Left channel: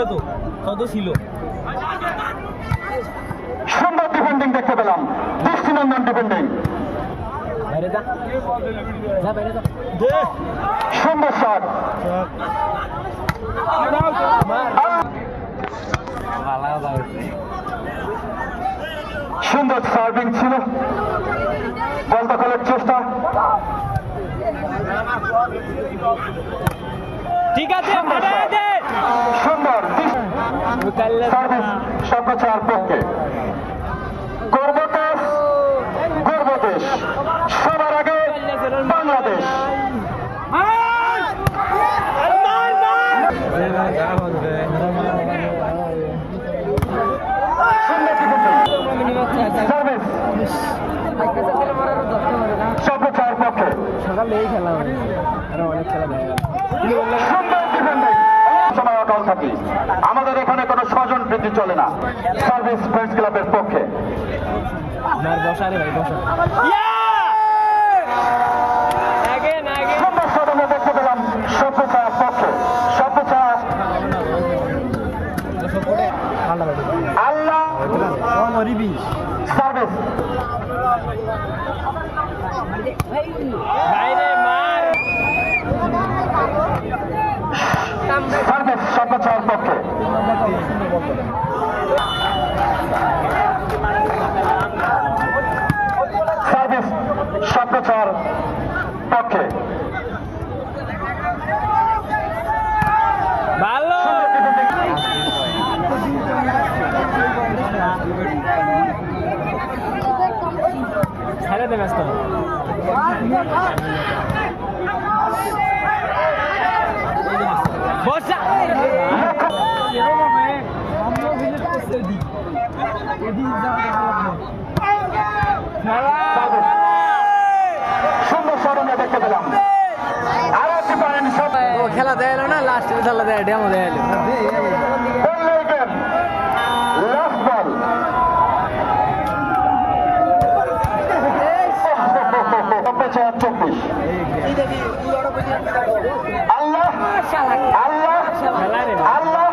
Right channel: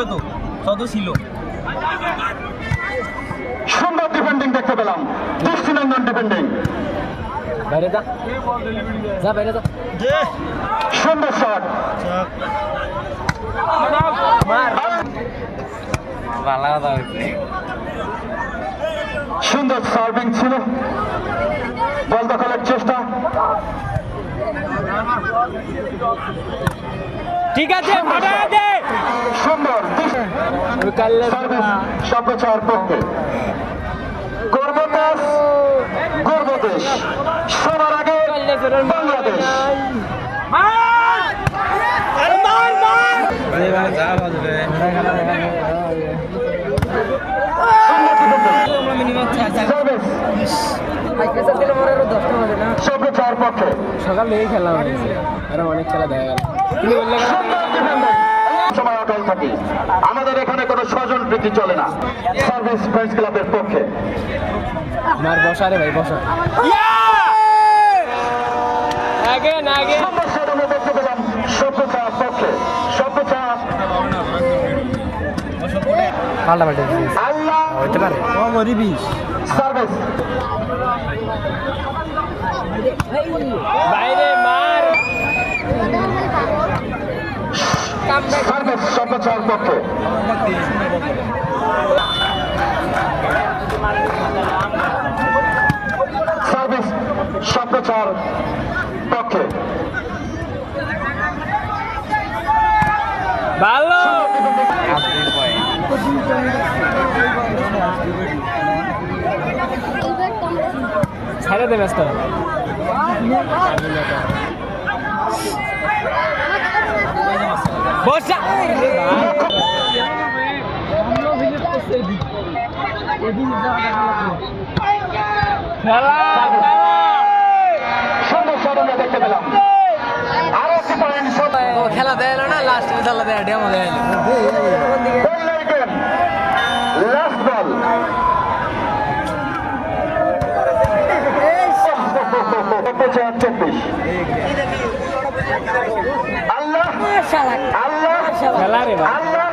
হয়তো কত ছিল। সুন্দর ডিফেন্ডিং দেখতে পেলাম, দৃষ্টিনন্দন ডিফেন্ডিং। বাইরে যা, যা বাইরে যা। সুন্দর শট, সুন্দর সার্ভিং ছিল, বল দখলের চেষ্টা। ঠিক আছে, সুন্দর সার্ভিস সর্বোচ্চের পক্ষে। গর্বদেশ, গর্বদেশ, সবার আগে বাংলাদেশ। সর্বোচ্চের পক্ষে সকালে এই খেলা হয়েছে, আরো অনেক খেলা দেখা গেল। সময় অটল থাকি, আমাদের এখানে কোনো স্বজন প্রীতি চলে না। সার্ভিস ফ্রেন্ডস ক্লাবের পক্ষে আমার বসা রে ভাই, বসা। দেখতে পেলাম সভ্যতার পক্ষে, সভ্যতা আল্লাহ হইতে পারে সার্ভিস বাইরে মার। সার্ভিস সভ্যতার পক্ষে। সার্ভিস সভ্যতার পক্ষে। ভালো ছেড়ে দে ব্যস্ত। বসা সুন্দর সরঞ্জাম দেখতে পেলাম। আরো একটি পয়েন্ট খেলা দেয় না, লাস্ট খেলা দেয়, ডেমো দেয়। লাস্ট বল, চব্বিশ। আল্লাহ আল্লাহ খেলা রে আল্লাহ